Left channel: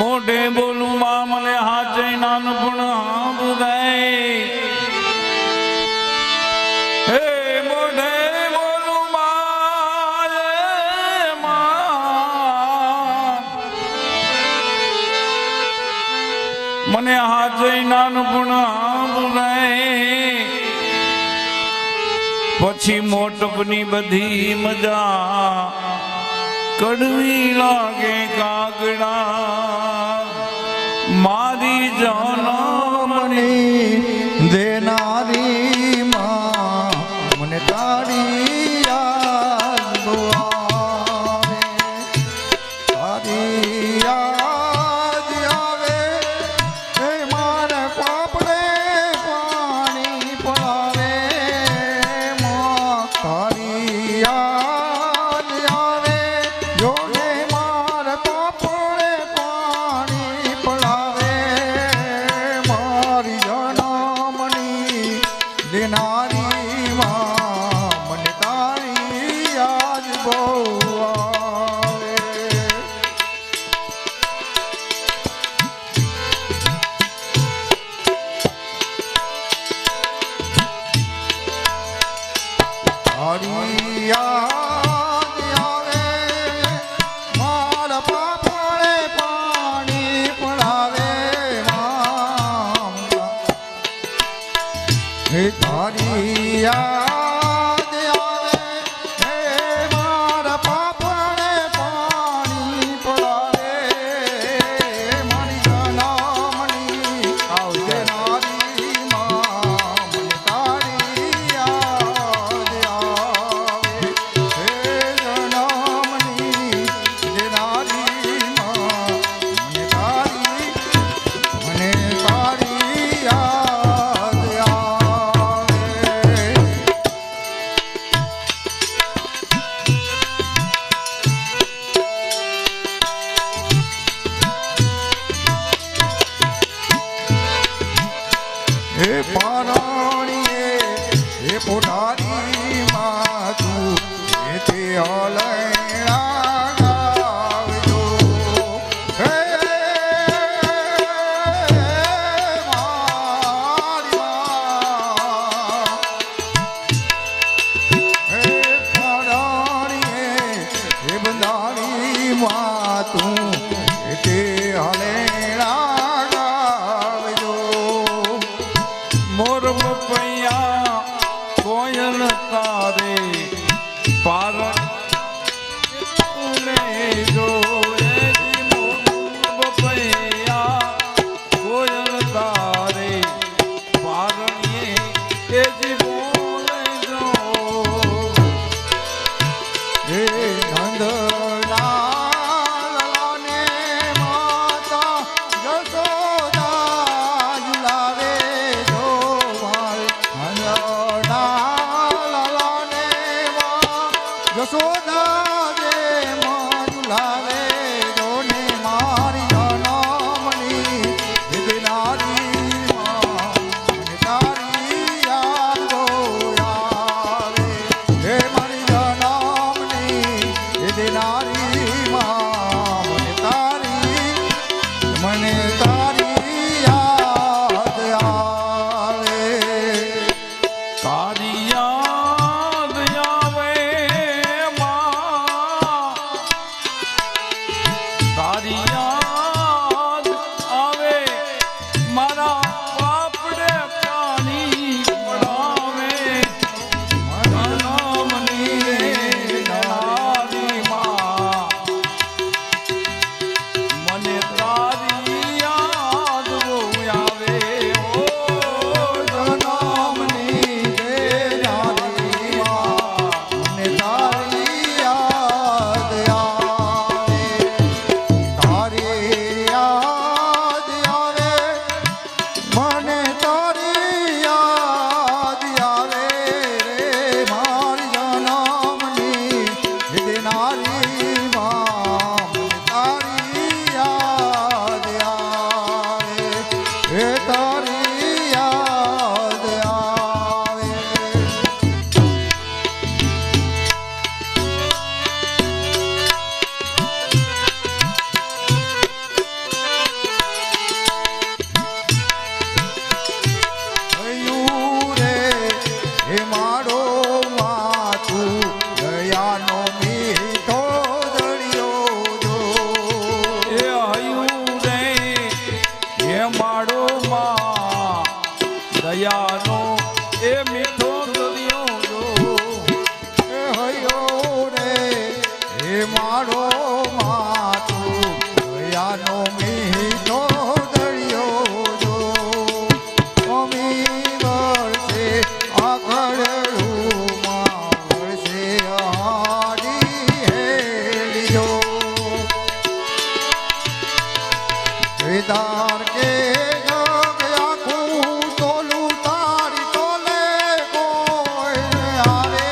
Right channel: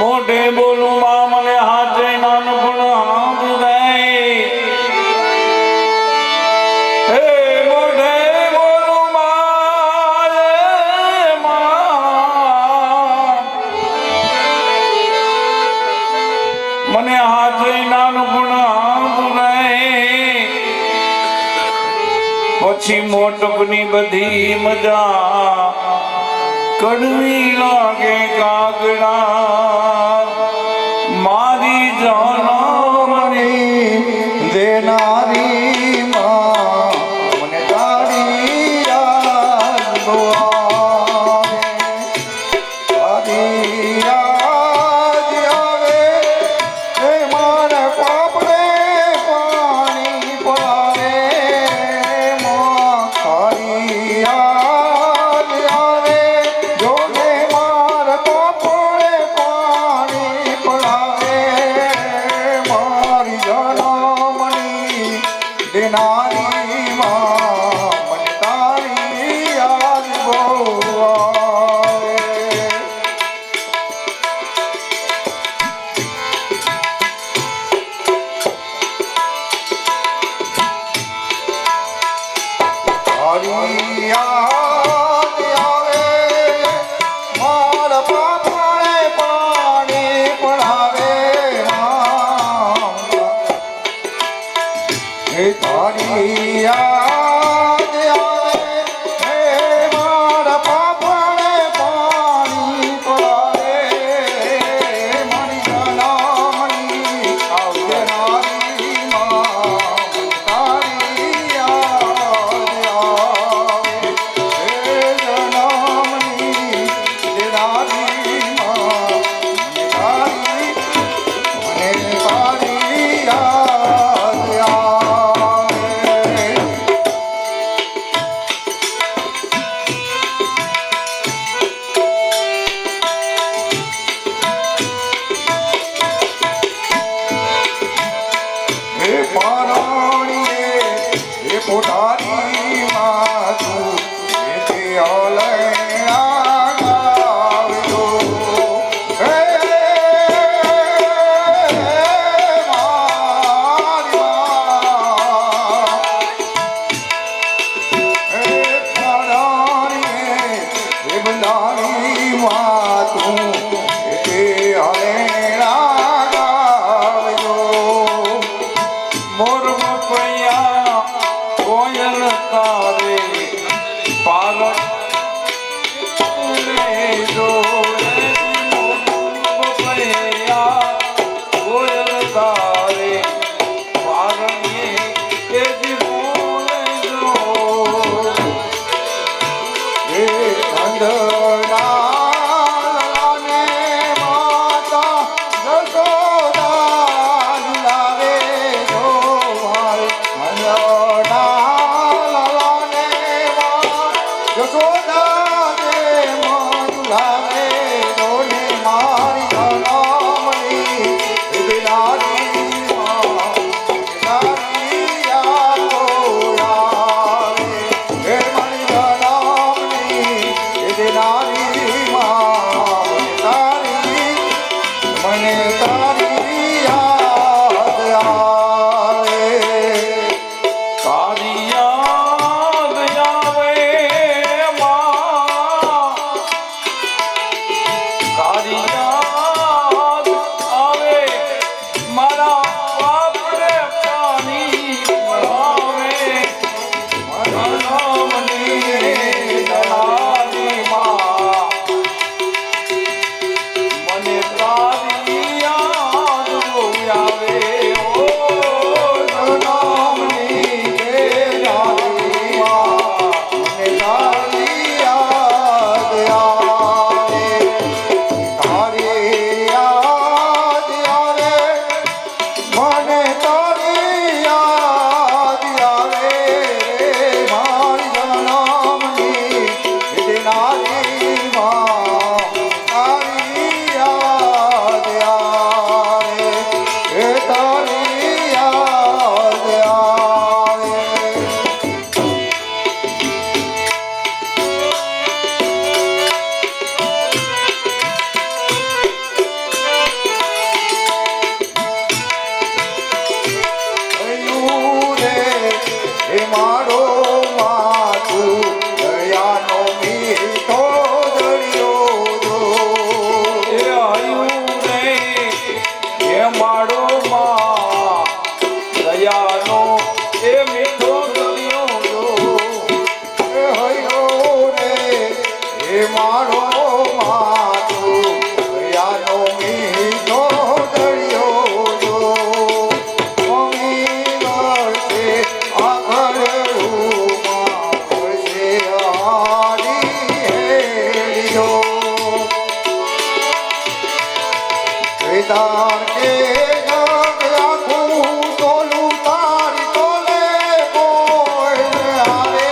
મોઢે બોલું માં મને હાથે નાનપણ આમ જાય હે મોઢે બોલું માં મને હાથે નાનપણ આમ જાય પછી મોટપની બધી મજા કડવી લાગે કાગડા મારી જાનવરી દેનારી માં મને તારી યાદ આવે તારી યાદ આવે એ મારા પાપડે પાણી પડાવે માં તારી યાદ આવે જો ને મારા પાપડે પાણી પડાવે મારી જનમની દેનારી માં મને તારી યાદ બહુ આવે તારી યાદ આવે મારા પાપડે પાણી પડાવે હે તારી યાદ આવે હે મારા પાપડે પાણી પડાવે મારી જનમની દેનારી માં તારી યાદ આવે હે જનમની દેનારી માં તારી મને તારી યાદ આવે હે પારણીએ હે પોતાની માતુ હે તે હલેણા ગાવજો હે મારી હે પારણીએ હે બધાની વાતુ હે તે હલેણા ગાવજો મોર પૈયા કોયલ તારે પાર જો પૈયા કોયલ તારે પારણીએ એ જીવો હે નંદલાલને માતા જશોદા ઝુલાવે જો માર નંદલાલને જશોદા જે મન ઝુલાવે જોને મારી જનમની દેનારી માં તારી યાદ આવે હે મારી જનમની દેનારી માં મને તારી યાદ આવે તારી યાદ આવે માં તારી યાદ આવે મારા બાપડે પાણી પડાવે જનમની દેનારી માં મને તારી યાદ વિધાન કે આખું તોલું તારી તોલે કોઈ આવે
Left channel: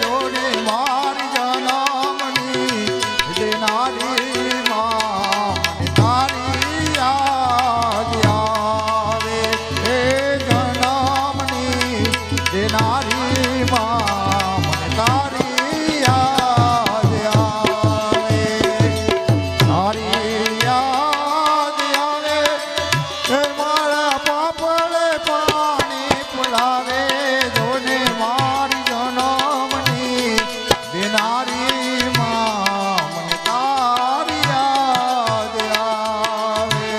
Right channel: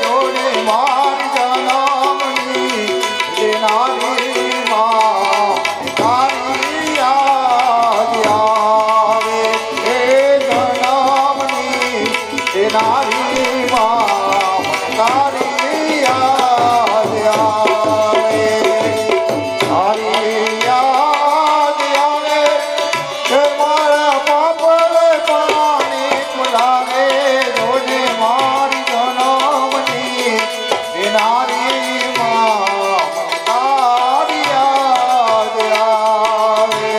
જોડે મારી જનામની દેનારી માં તારી યાદ આવે હે જનામની દેનારી માં તારી યાદ આવે તારી યાદ આવે કે મારા બાપલે પાણી પુલાવે જોડે મારી જનમની દેનારી માં તારી યાદ આવે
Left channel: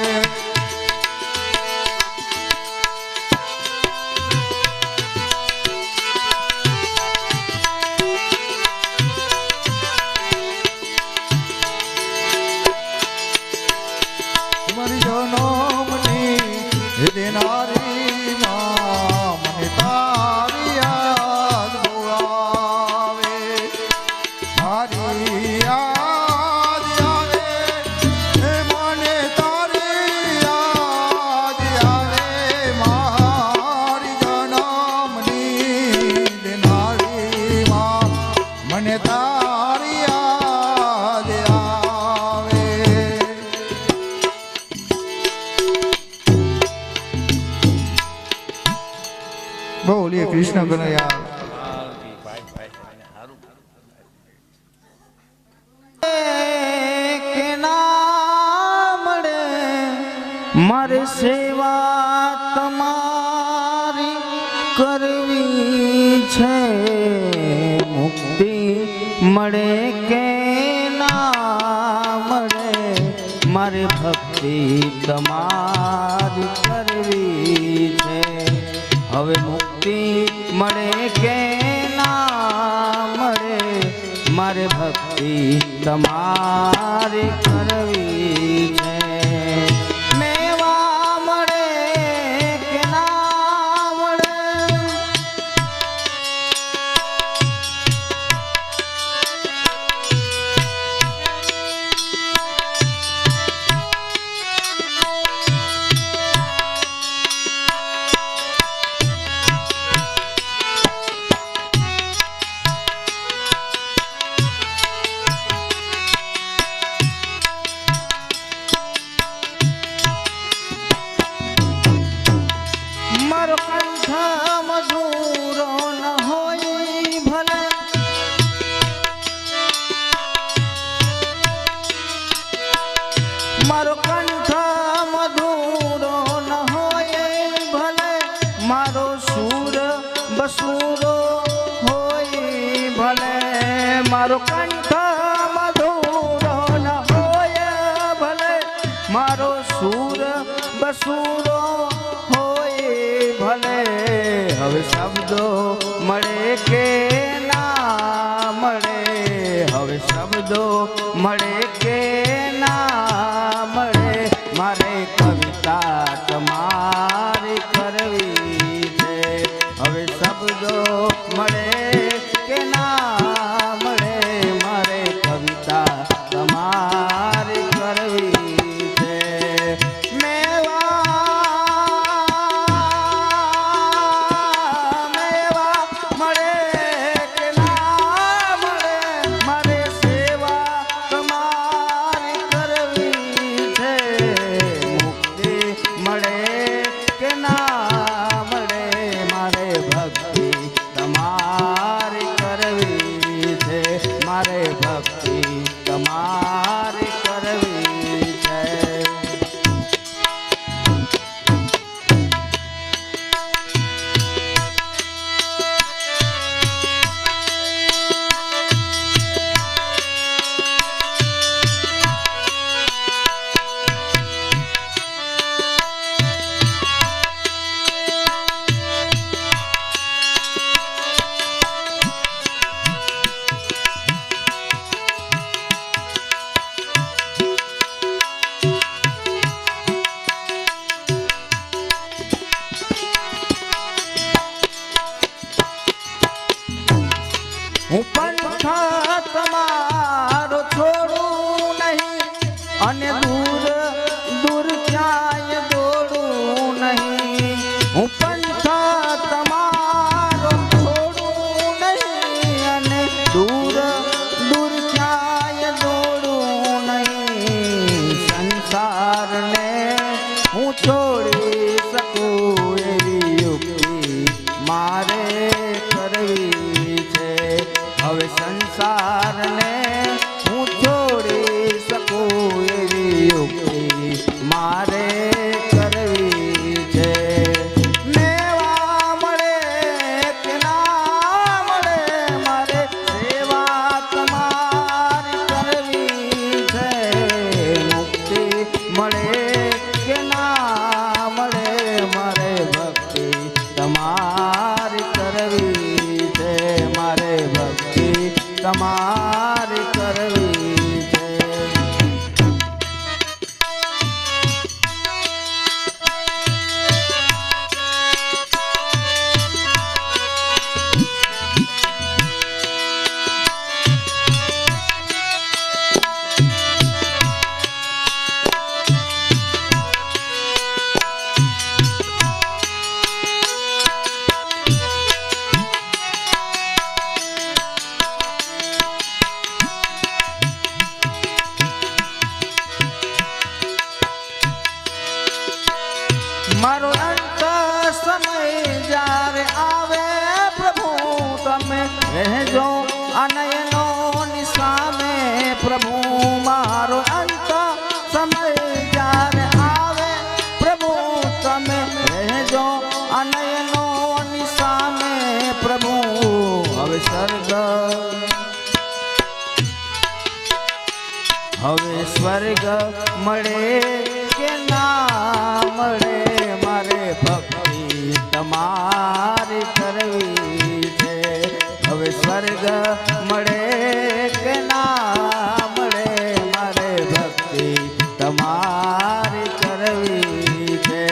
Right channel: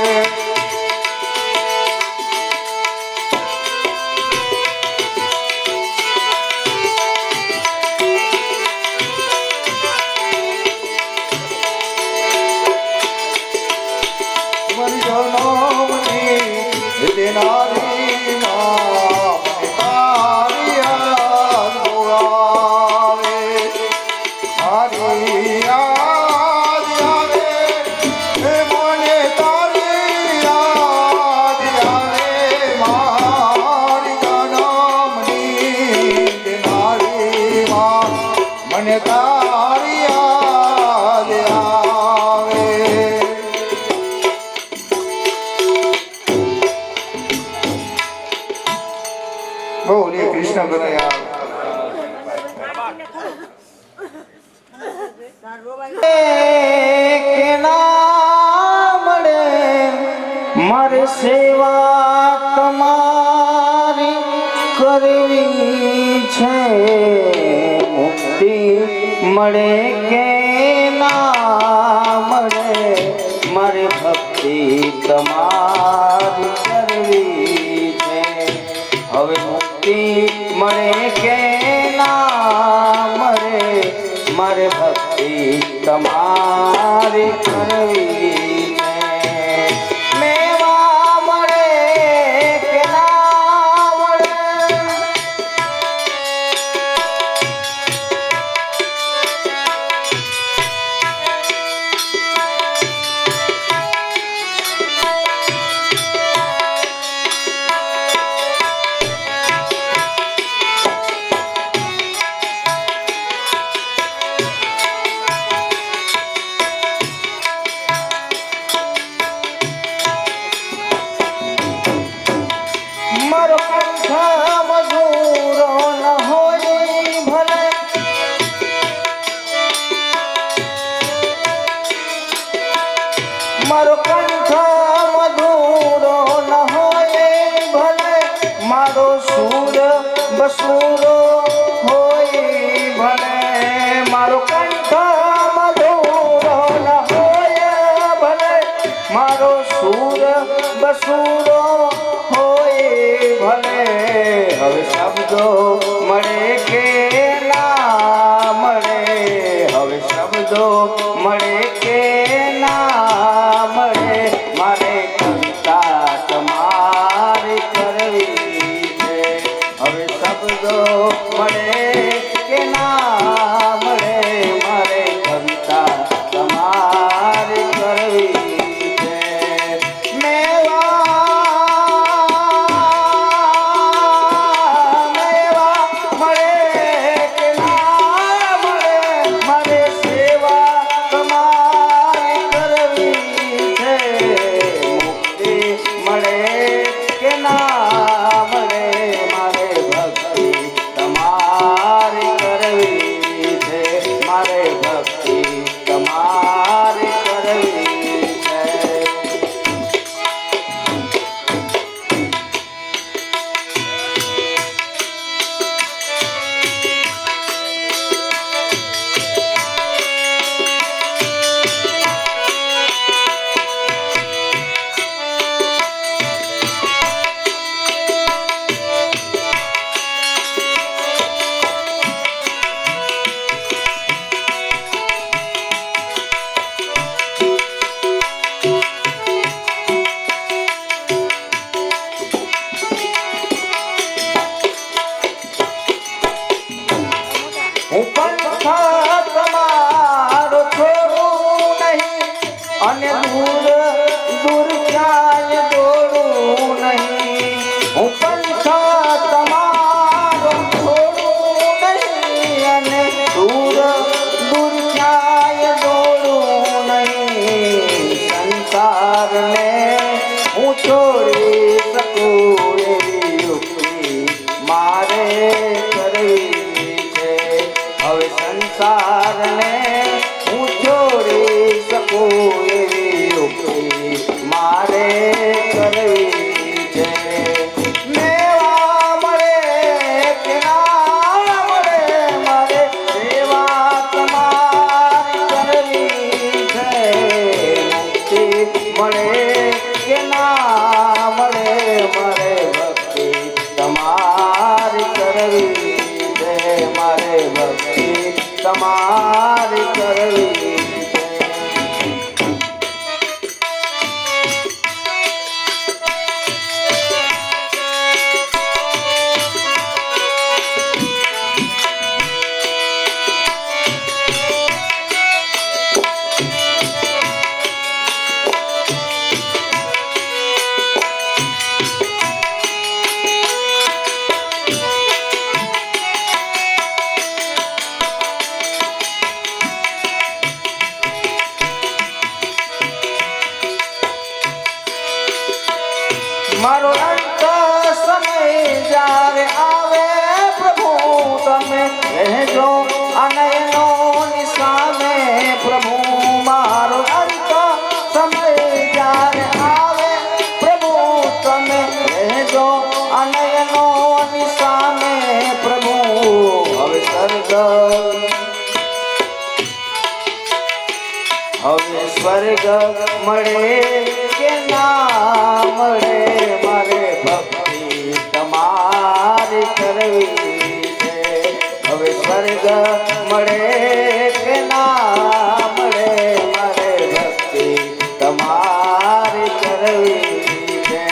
મને તારી યાદ આવે બોલીએ કૃષ્ણ કનૈયા મારે સેવા તમારી કરવી છે મુક્તિ મળે કે ના મળે મારે ભક્તિ તમારી કરવી છે હવે મુક્તિ મળે કે ના મળે મારે ભક્તિ તમારી કરવી છે મેવા મળે કે ના મળે મારો કંઠ મધુરો ન હોય ભલે મારો કંઠ મધુરો ન હોય ભલે મારો સૂર બસુરો હોય ભલે મારો કંઠ મધુરો ન હોય ભલે મારો સૂર બસુરો ભલે હવે શબ્દો મળે કે ના મળે હવે શબ્દો મળે કે ના મળે મારે કવિતા તમારી કરવી છે હવે શબ્દો મળે કે ના મળે મારે કવિતા તમારી કરવી છે મેવા મારે કરવી છે મેવા મળે કે ના મળે મારે સેવા તમારી કરવી છે મુક્તિ મળે કે ના મળે મારે ભક્તિ તમારી કરવી છે મારે ભક્તિ તમારી કરવી છે મારો અંત સમય જ્યારે આવે પ્રભુ તમે રહેજો અનયનો નિસામે પ્રભુ મારો અંત સમય જ્યારે આવે પ્રભુ તમે રહેજો અનયનો નિસામે પ્રભુ હવે સ્વર્ગ મળે કે ના મળે મારે ભક્તિ તમારી કરવી છે હવે સ્વર્ગ મળે કે ના મળે મારે ભક્તિ તમારી કરવી છે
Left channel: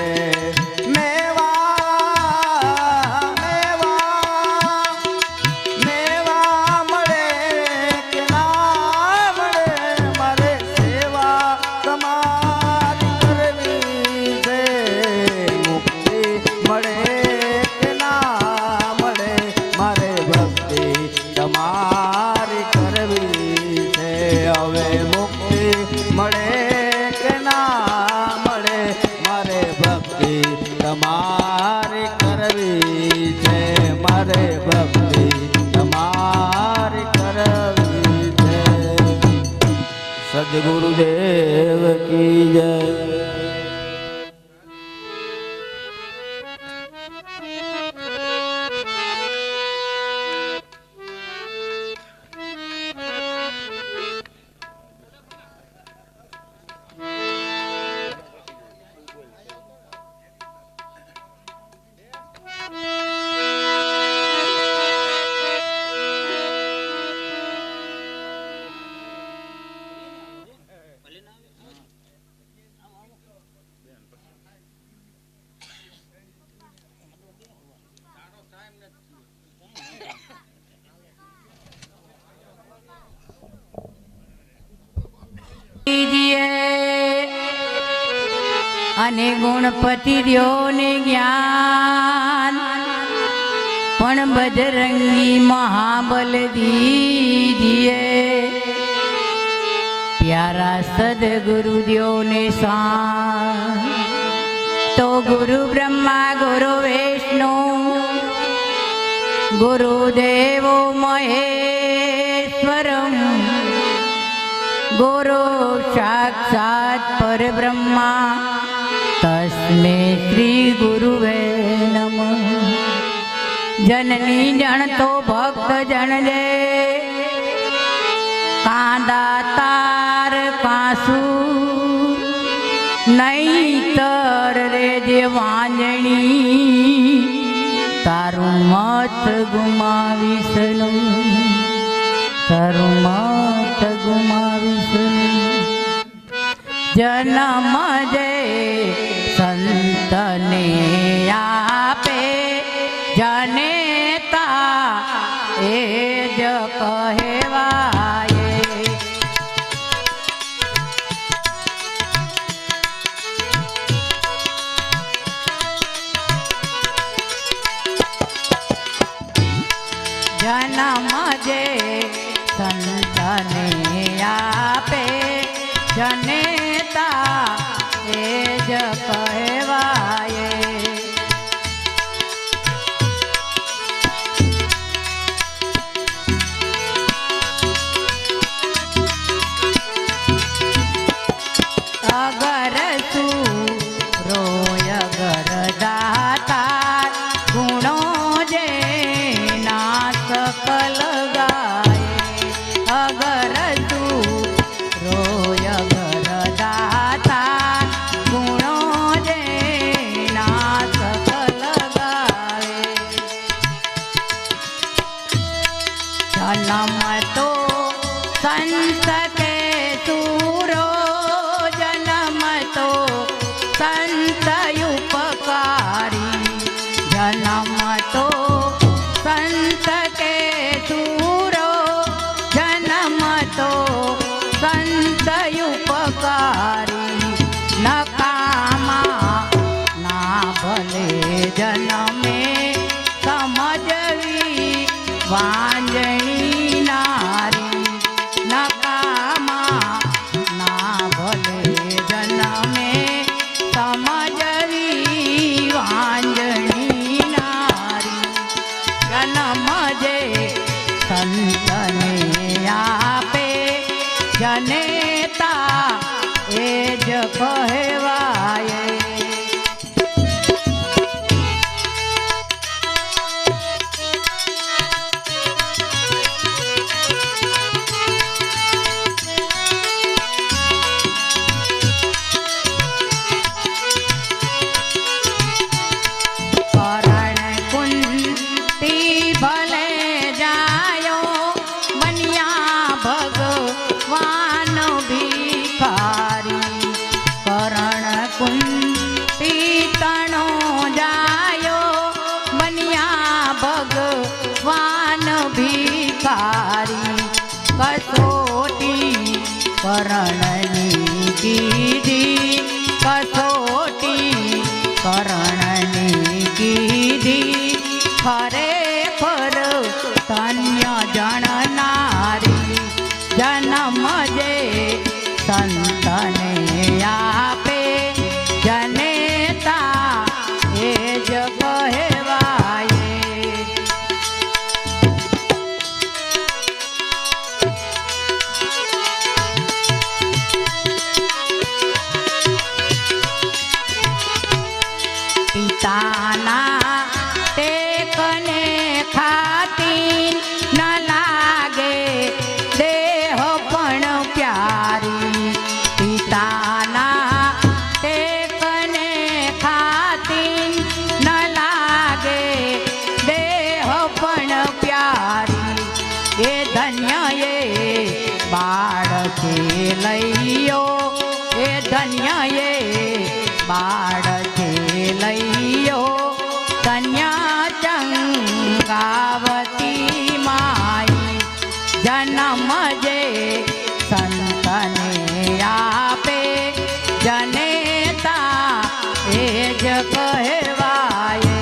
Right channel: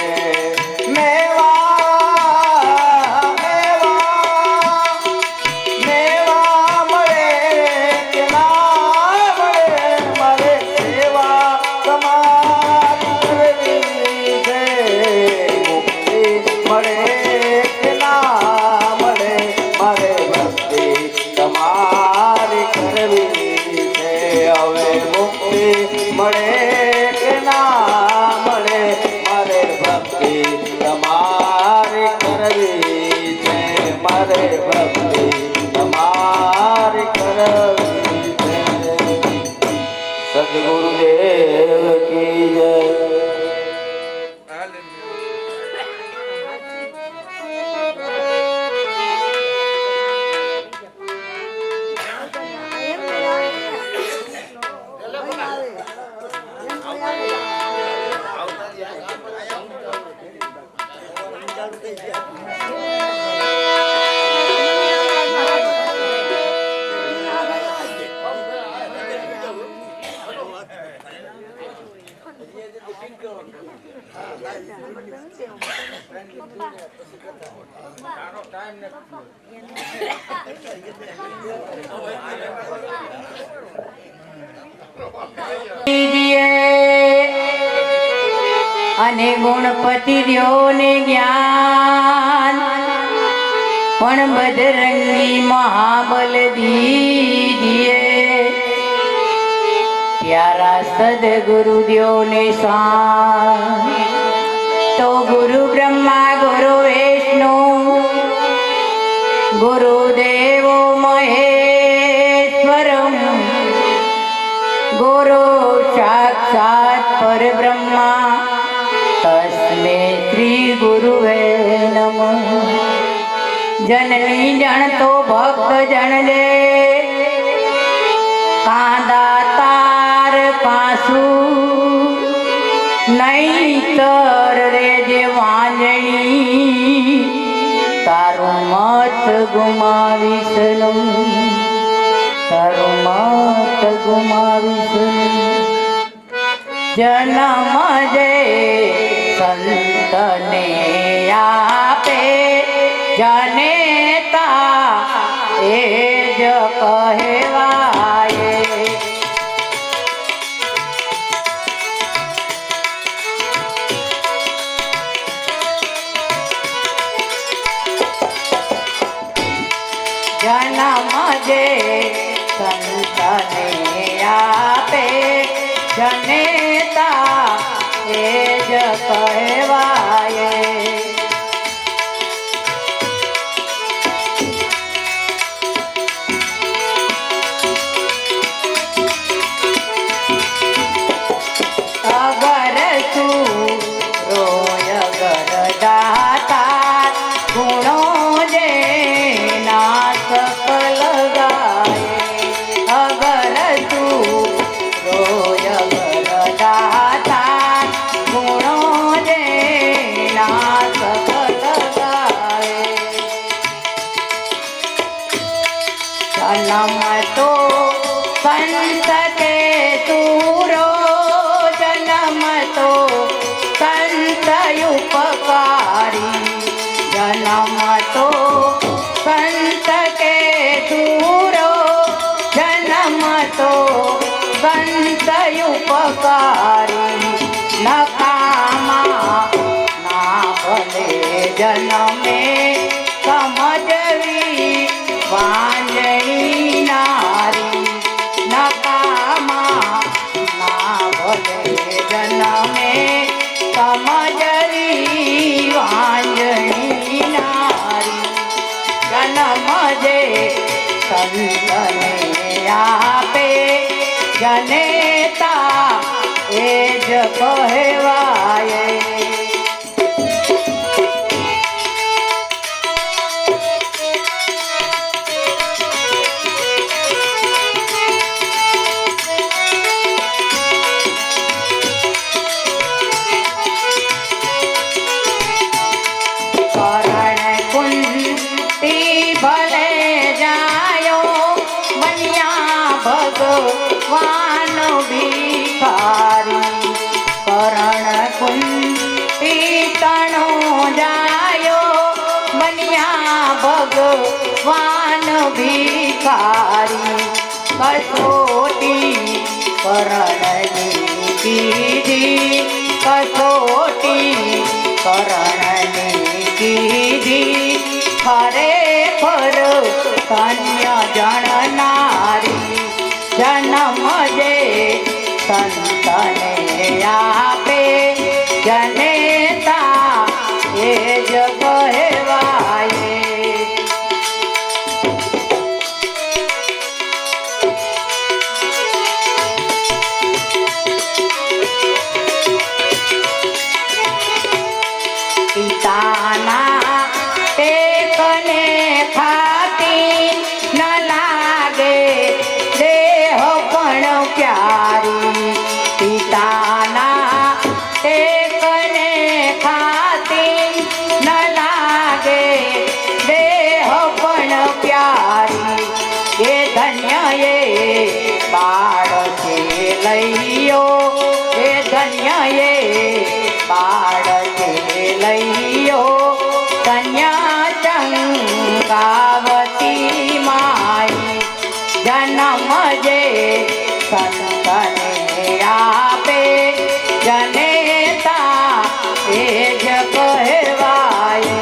મેવા મળે કે ના મળે મારે સેવા તમારી કરવી છે મુક્તિ મળે કે ના મળે મારે ભક્તિ તમારી કરવી છે હવે મુક્તિ મળે કે ના મળે મારે ભક્તિ તમારી કરવી છે મારે ભક્તિ તમારી કરવી છે સદગુરુદેવ કી જય અને ગુણપતિ દ્યો ને જ્ઞાન પણ બજરંગી મહાબલ દીજીએ પ્યારા સદગુરુ દ્યો ને શાન તો ગુરુ બ્રહ્મા ગુરુ વિષ્ણુ ગુરુદેવો મહેશ્વરમ ગુરુ સાક્ષાત પરબ્રહ્મા તસ્મે શ્રી ગુરુવે નમઃ જનની જણતો ભક્ત જણજે કાંદા તાર પાસુ નહીતર રે જે વાંજણી તારું મત ગુમાવીશ નહીં તારું મત ગુમાવીશ નહીં જન્મ જે સંતને આપે જનેતા એ જ કહેવાય જન્મ જે સંતને આપે જનેતા એ જ કહેવાય અગર રોય ગરદાતા ગુણો જે નાથ કલગાય અગર તું રોય ગરદાતા ગુણો જે નાથ કલગાય જન્મ તો સંત કે તુરો જન્મ તો સંત ઉપકારી જન્મ તો સંત કે તુરો જન્મ તો સંત ઉપકારી નકામા ના ભલે જન્મે સમજવી વાંજણી નારી નકામા ના ભલે જન્મે સમજવી વાંજણી નારી જન્મ જે સંતને આપે જનેતા એ જ કહેવાય કરણ કુંતી ભલે જાયો બન્યા ભગવાન ભિખારી કરણ કુંતી તણો જાયો બન્યા ભગવાન ભિખારી કસોટી કરણની કીધી કસોટી કરણની કીધી ખરેખર કન્ય જણનારી જન્મ જે સંતને આપે જનેતા એ જ કહેવાય પિતાના ટેકને ખાતી ન લાગે દેહ પણ પ્યારી પિતાના ટેકને ખાતી ન લાગે દેહ પણ પ્યારી એ ધન્ય એ બાળ છે લઈયો એ ધન્ય એ બાળ છે લઈયો કન્યા ચંગાવતી માઈ જન્મ જે સંતને આપે જનેતા એ જ કહેવાય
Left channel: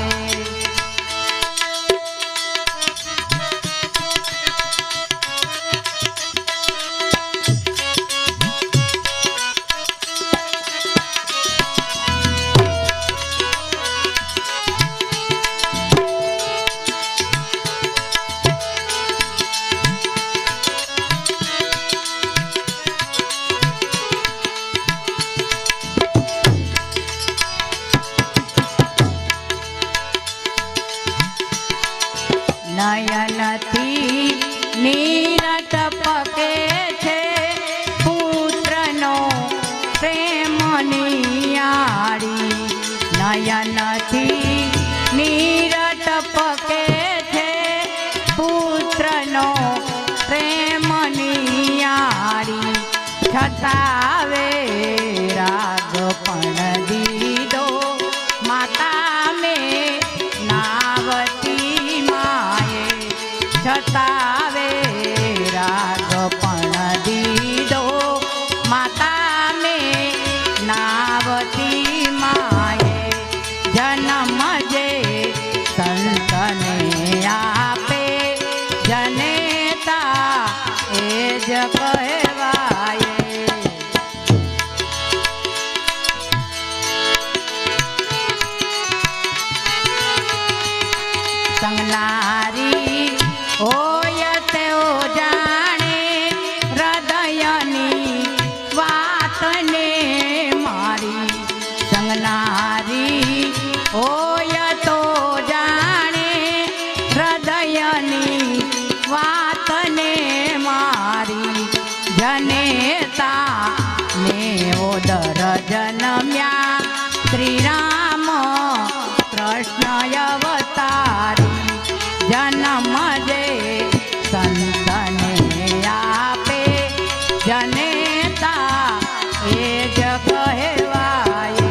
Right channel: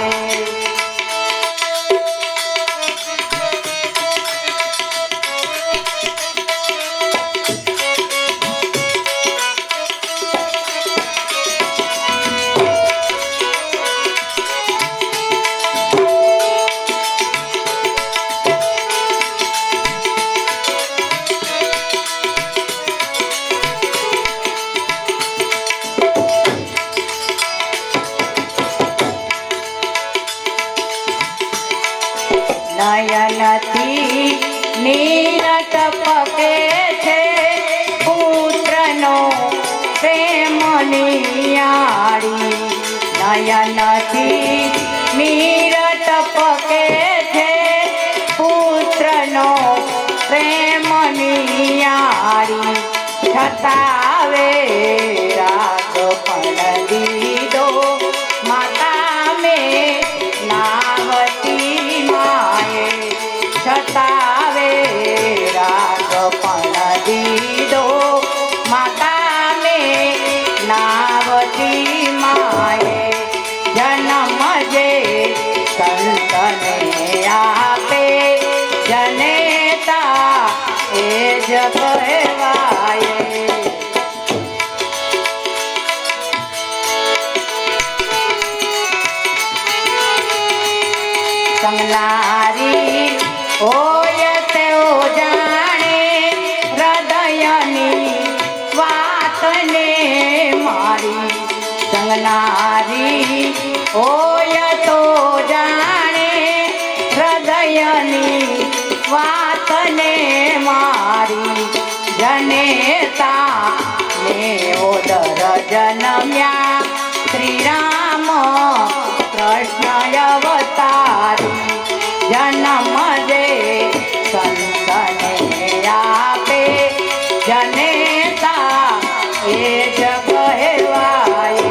નયનથી નીરટ પકે છે પુત્રનો પ્રેમ નિયાળી નયનથી નીરટ પકે છે પુત્રનો પ્રેમ નિયાળી છતાવે રાગ પણ દીધો માતા મે નાવતી માએ છતાવે રાગ પણ દીધો માતા મે નાવતી માએ જન્મ જે સંતને આપે જનેતા એ જ કહેવાય સંગલારી હોય તેઓ જાણે હૃદયની વાતને મારી બન્યા શ્રી રામ કૃષ્ણ અવતારી જન્મ દે સંતને આપે જનેતા એ જ કહેવાય.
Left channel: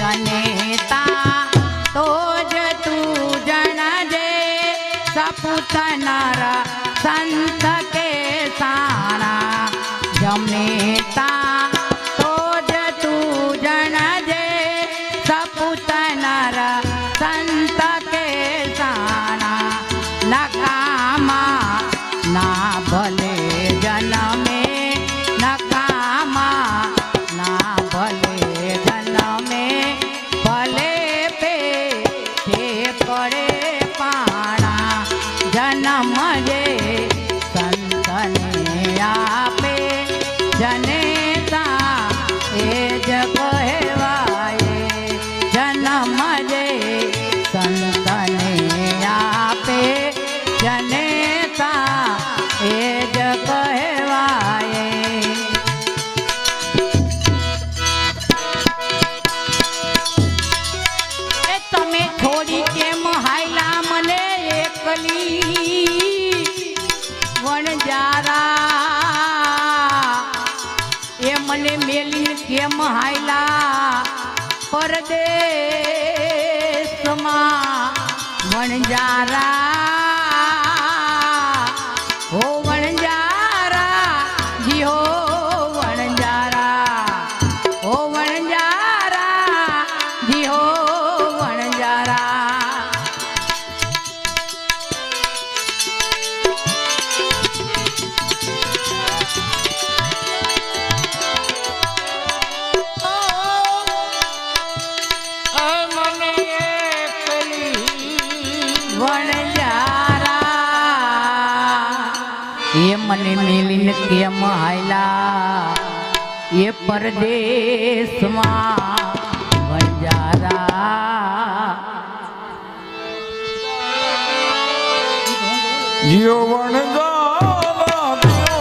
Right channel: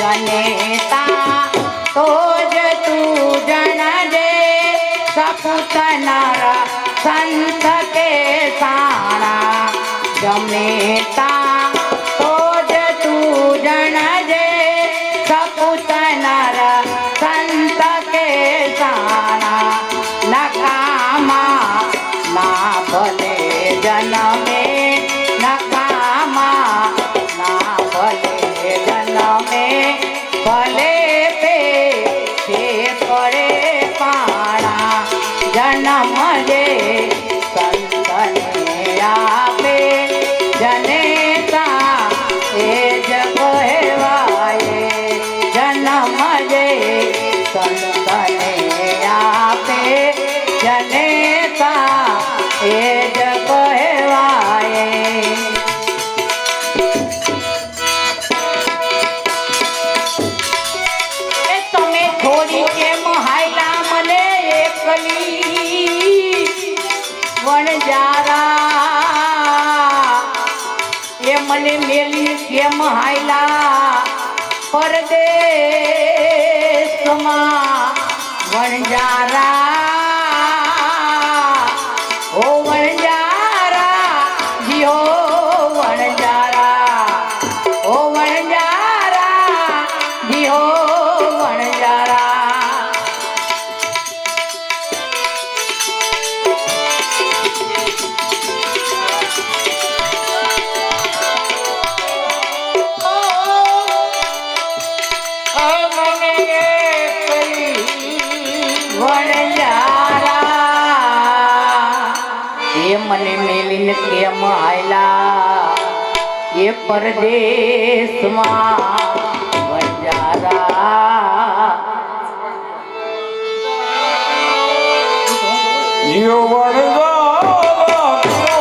જનેતા તો જ તું જણજે સપૂતનારા સંત કે સારા. જનેતા તો જ તું જણજે સપૂતનારા સંત કે સારા. નકામા ના ભલે જન્મે નકામા ના ભલે જન્મે ભલે પે પડે પાણા. જન્મ જે સંતને આપે જનેતા એ જ કહેવાય. જન્મ જે સંતને આપે જનેતા એ જ કહેવાય. એ તમે થોડી કેમ હાયલા મને એકલી વણજારા. એ મને મેલી કેમ હાયલા પરદેશમાં વણજારા. હો વણજારા જી હો વણજારા. હો વણજારા જી હો વણજારા. એ મને મેલીને કેમ હાયલા એ પરદેશમાં વણજારા. જીઓ વણજારા, જીઓ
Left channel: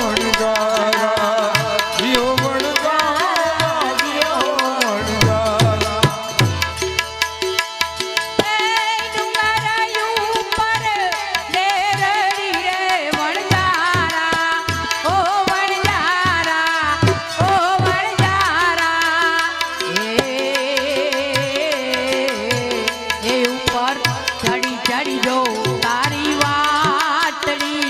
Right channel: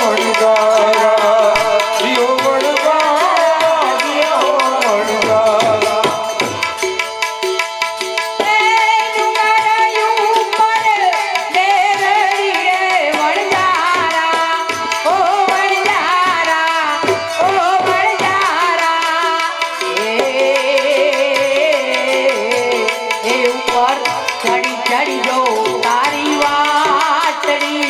વણજારા, જીઓ વણજારા. ચડી ચડી જો તારી વાતડી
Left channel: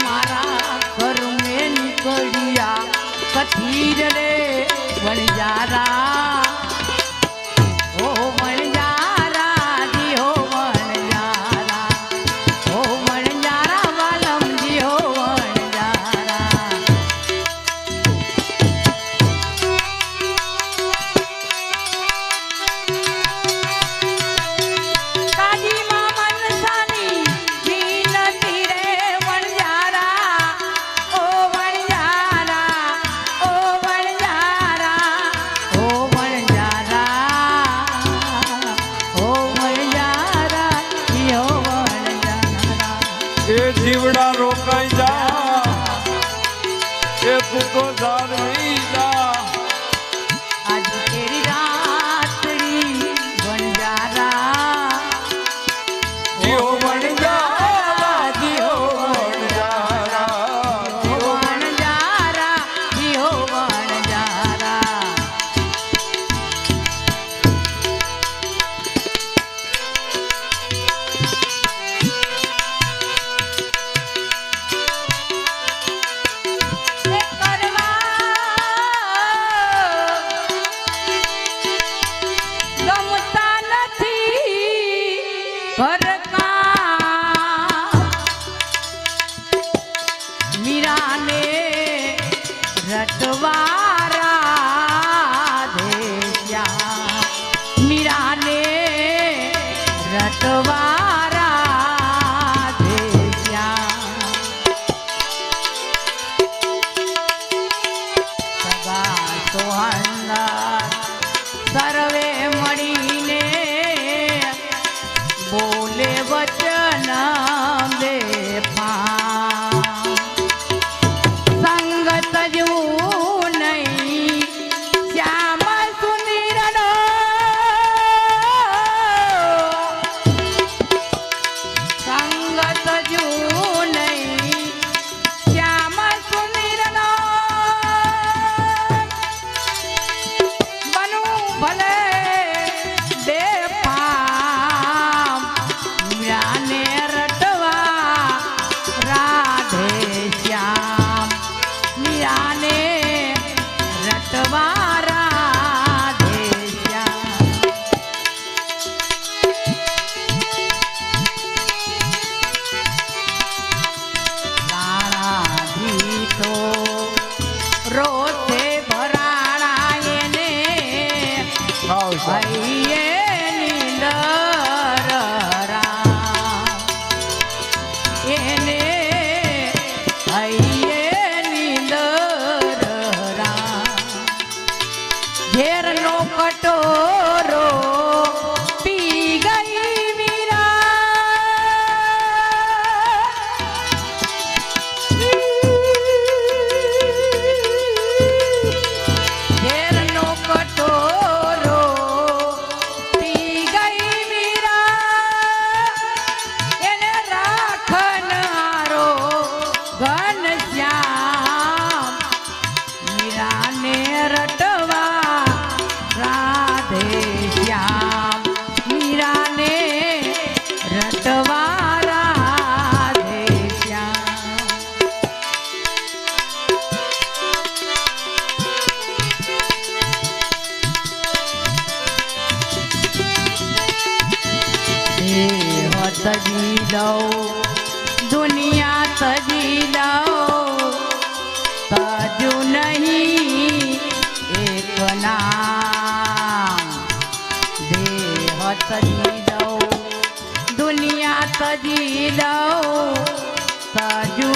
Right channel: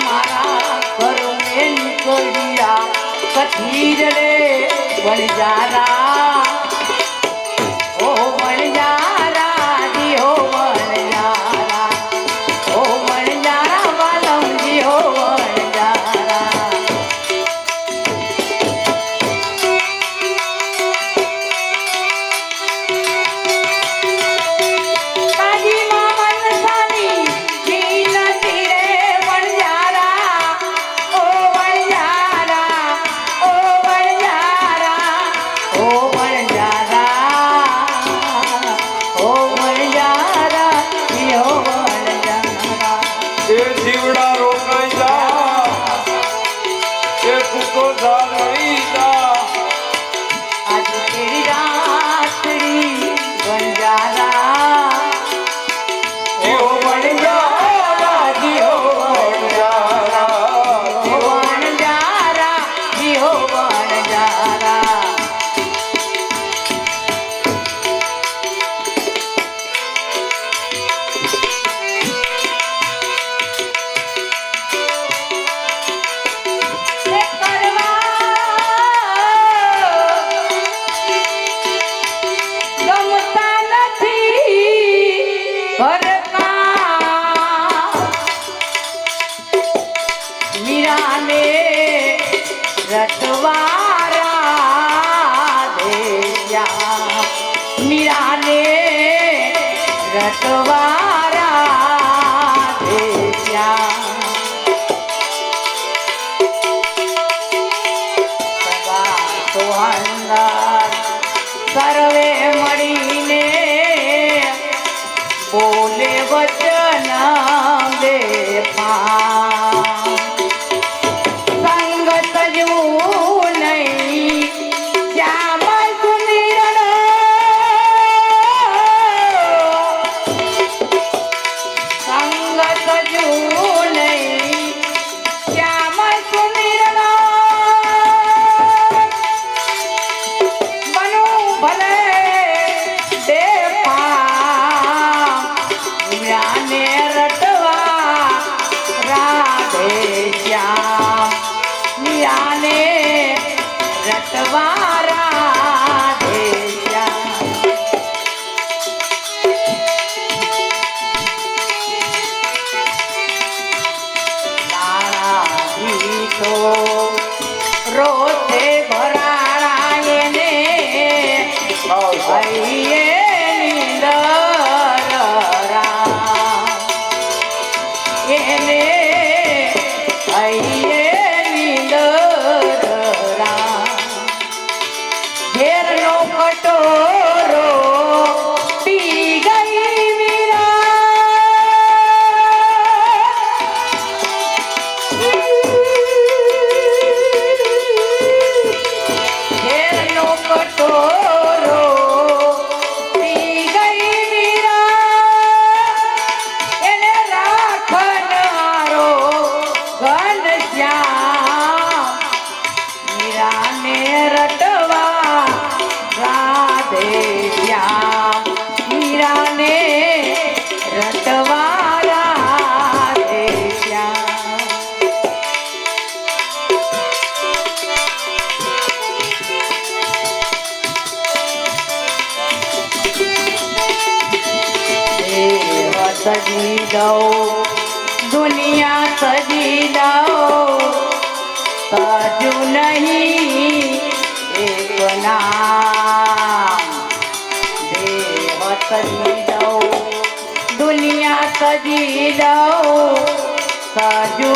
મારા ઘરમે નીકળ્યા કથી જ રે વણજારા ઓ વણજારા જી ઓ વણજારા ઓ વણજારા વાલમજી ઓ વણજારા કાજી મામન સાની જીનતી રે વણજારા ઓ વણજારા ઓ વણજારા ઓ વણજારા ઓ વણજારા યો વણજારા એ જીવડા રોકાઈ જા એ તું તો જા રહી જા આજ તેરી રાત્રી વણજારા જીઓ વણજારા જીઓ વણજારા વણજારા જીઓ વણજારા એ કરવા ગમતા નથી ભરતા મીરાને રટવારા દેયા મીરાને રટવારા દેયા સગા સોહંગા સર્વે મળીને બોલે વચન બેફામ સંગત જો નહીં શ્યામ સુનિરણો સંગત જો નહીં શ્યામ સુનિરણો બનુ ભલે બેફામ મીરાને રટવા રાધે શ્યામ મીરાને રટવા રાધે શ્યામ મારા ભીતો રોજે ભરાણાએ ને ભાઈએ નીંદર રામ એને ભાઈએ નીંદર રામ ઘેરનો કટોરો પી ગઈ ઘેરનો કટોરો પી ગઈ મીરા એને રાખનારો ઘનશ્યામ મીરાને રટવા રાધે શ્યામ મીરાને રટવા રાધે શ્યામ દેવ સજી દઉં દુનિયા સજી દઉં સજુ નહીં એક નામ દેવ સજી દઉં દુનિયા સજી દઉં સજુ